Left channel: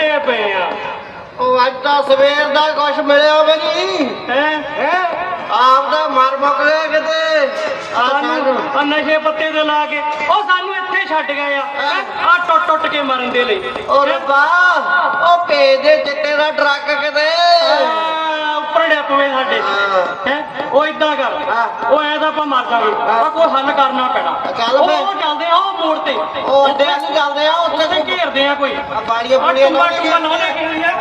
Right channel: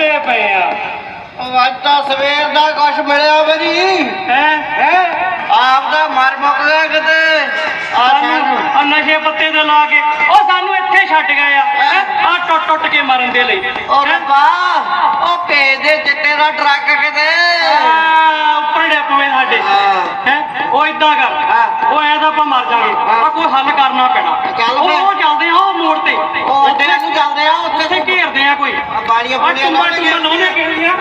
ਟੁੱਟੇ ਪਏ ਆ। ਉਹ ਅੱਜ ਤਾਂ ਸਵੇਰ ਦਾ ਕੁਛ ਮਿਲਿਆ ਵੀ ਨਹੀਂ ਹੈ? ਹੈ? ਆਪ ਦਾ ਮਰ ਮੁੱਕ ਗਿਆ ਕਿਤੇ? ਆ ਸਾਨੂੰ ਨਸ਼ੇ ਪੱਤੇ ਦੇ ਲਾ ਕੇ। ਉਹ ਸਾਨੂੰ ਇੱਥੇ ਛੱਡ ਗਏ ਆ। ਆ ਟੁੱਟ ਟੁੱਟ ਕੇ ਮਰਨ ਦੇ ਲਈ। ਉਹ ਰੱਬਾ ਉਹ ਭੇਜ ਦੇ ਚਿੱਟੇ ਦਾ ਟਰੱਕ ਕਿਤੇ। ਆ, ਉੱਪਰ ਡੱਪਵੇ ਸਾਡੇ। ਹਾਂ। ਹੈ? ਉਹ ਇਦਾਂ ਕਰ। ਹਾਂ। ਉਹ ਐ ਤਾਂ ਆਪਾਂ ਮਰ ਜਾਗੇ। ਆ ਕੋਈ ਹੱਲ ਕਰਨਾ ਪੈਣਾ। ਉਹ ਚੱਲਦੇ ਆ ਉਹ ਮੋੜ ਤੇ। ਉਹ ਅੱਡੇ ਨੂੰ ਚੱਲਦੇ ਆ ਉੱਥੇ ਘੇਰਦੇ ਆ ਕੋਈ। ਆ ਬਾੜੀਆਂ ਆ ਬੁੜੀਆਂ ਲਾਉਣੇ ਆ।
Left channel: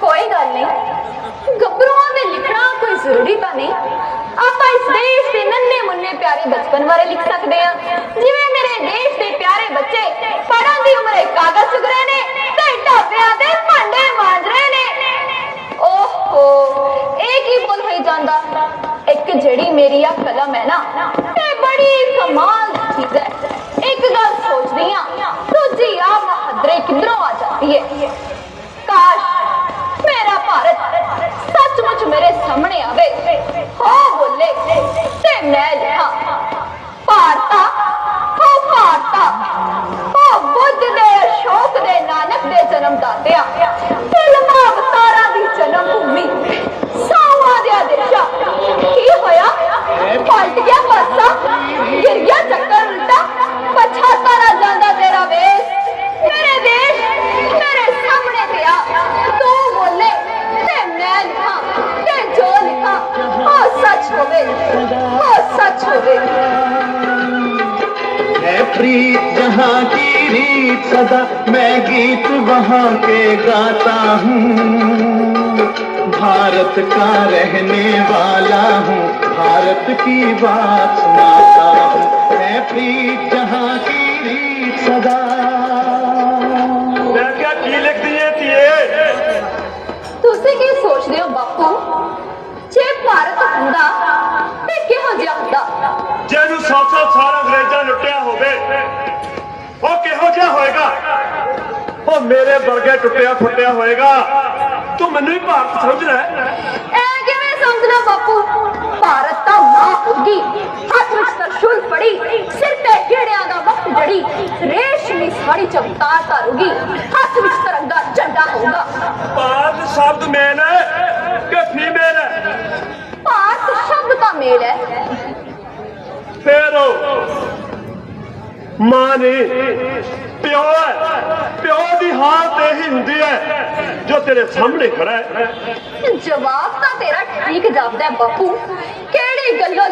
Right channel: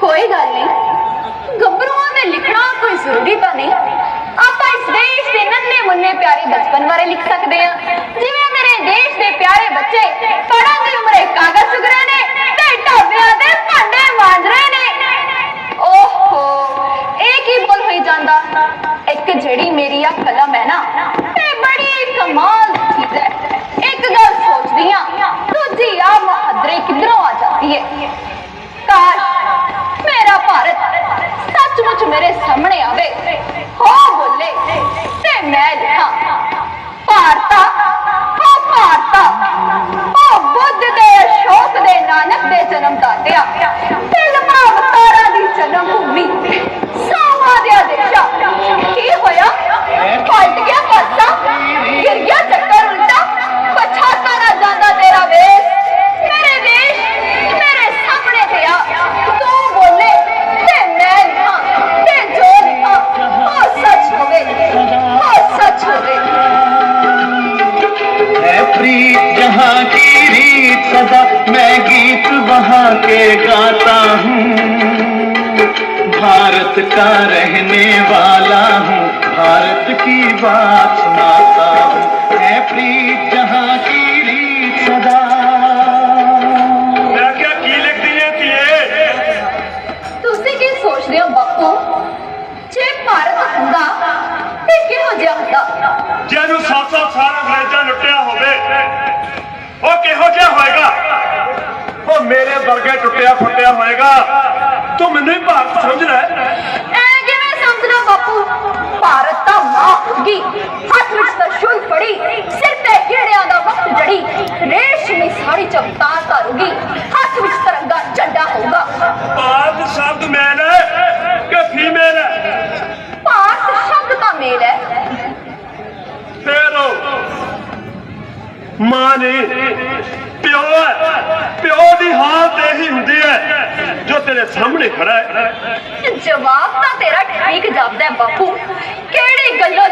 ਕੋਈ ਗੱਲ ਨਹੀਂ। ਗੱਭਰੂਆਂ ਦੇ ਲਿਖਣਾ ਕੋਈ ਜ਼ਰੂਰੀ ਤਾਂ ਨਹੀਂ। ਆਪਾਂ ਇਸ ਦੇਸ਼ ਦੇ ਨੰਨੇ ਮੁੰਨੇ ਪਿਆਰੇ ਬਚਪਨ ਬਾਰੇ ਲਿਖ ਸਕਦੇ ਹਾਂ ਜਿਵੇਂ ਮੇਰੇ ਦੇਸ਼ ਦੇ ਪਿਆਰੇ ਬੱਚੇ ਪੜ੍ਹਨ ਦੀ ਉਮਰੇ ਕਾਗਜ਼ ਚੁਗ ਰਹੇ ਨੇ ਤੇ ਢਾਬਿਆਂ ਦੇ ਭਾਂਡੇ ਮਾਂਜ ਰਹੇ ਨੇ ਓਹੋ ਇਹ ਕੀ ਬੋਲ ਹੋਈ ਜਾਂਦਾ ਇੱਕ ਜਿਹੜੀ ਮੇਰੀ ਆ ਕਲਮ ਹੈ ਨਾ, ਇਹ ਬੜੀ ਕਮਾਲ ਦੀ ਚੀਜ਼ ਹੈ। ਇੱਕ ਗੱਲ ਸੋਚਦੀ ਆ ਦੂਜੀ ਆ ਮੁਹੱਦਰੇ ਕਿੱਧਰੋਂ ਆ ਜਾਂਦੀ ਹੈ? ਕਾਸ਼ ਮੇਰਾ ਭਾਰਤ ਸੱਚਮੁੱਚ ਮੇਰੇ ਸਾਹਮਣੇ ਆਵੇ। है प्रीत जहाँ की रीत सदा मैं गीत वहाँ के गाता हूँ भारत का रहने वाला हूँ भारत की बात सुनाता हूँ है प्रीत जहाँ की रीत सदा ਮੈਂ ਕਿਹਾ ਕੀ ਲਿਖਦੀ ਏ ਧੀਏ ਤੁਸੀਂ ਕੀ ਸੋਚਦੇ ਹੋ ਬਾਪੂ ਜੇ ਭਾਰਤ ਹੁੰਦਾ ਤੇ ਕਿਹੋ ਜਿਹਾ ਹੁੰਦਾ ਜੇ ਇਹਨੂੰ 700 ਮੇਰੇ ਵਰਗੇ ਟੁੱਟਿਆ ਫੁੱਟਿਆ ਹੋਏਗਾ। ਤੂੰ ਮੈਨੂੰ ਹੀ ਭਾਰਤ ਸਮਝ ਲੈ ਐ ਕਿਵੇਂ ਸਮਝਣਾ ਬਾਪੂ? ਭਾਰਤ ਤਾਂ ਮਾਂ ਹੋਗੀ ਹੱਥ ਵਿੱਚ ਤਰਸ਼ੂਲ ਫੜੀ। ਸਿਰ ਤੇ ਗੇੜਿਆਂ ਦਾ ਵਕਤ ਜੜੀ। ਰੇਸ਼ਮੀ ਸਾੜੀ ਚਮਕਾਰ ਕਰੂਗੀ ਹੱਥ ਵਿੱਚ ਤਿਰੰਗਾ ਝੰਡਾ ਹੋਊਗਾ। ਭਾਰਤ ਸ਼ਬਦ ਮੈਨ ਹੈ ਕਿ ਫੀਮੇਲ ਹੈ? ਭਾਰਤ ਸ਼ਬਦ ਦਾ ਮੇਲ ਹੈ। ਫੇਰ ਮਾਂ ਨੇ ਪਿਓ ਹੈ। ਪਿਓ ਦੀ ਹਾਲਤ ਇਹੀ ਹੁੰਦੀ ਹੈ ਜੋ ਤੇਰੇ ਸਾਹਮਣੇ ਖੜਾ ਹੈ। ਜਵਾਬ ਤਾਂ ਤੇਰਾ ਠੀਕ ਜਾਪਦਾ ਹੈ ਬਾਪੂ। ਕਿਹੜੀ ਗੱਲੋਂ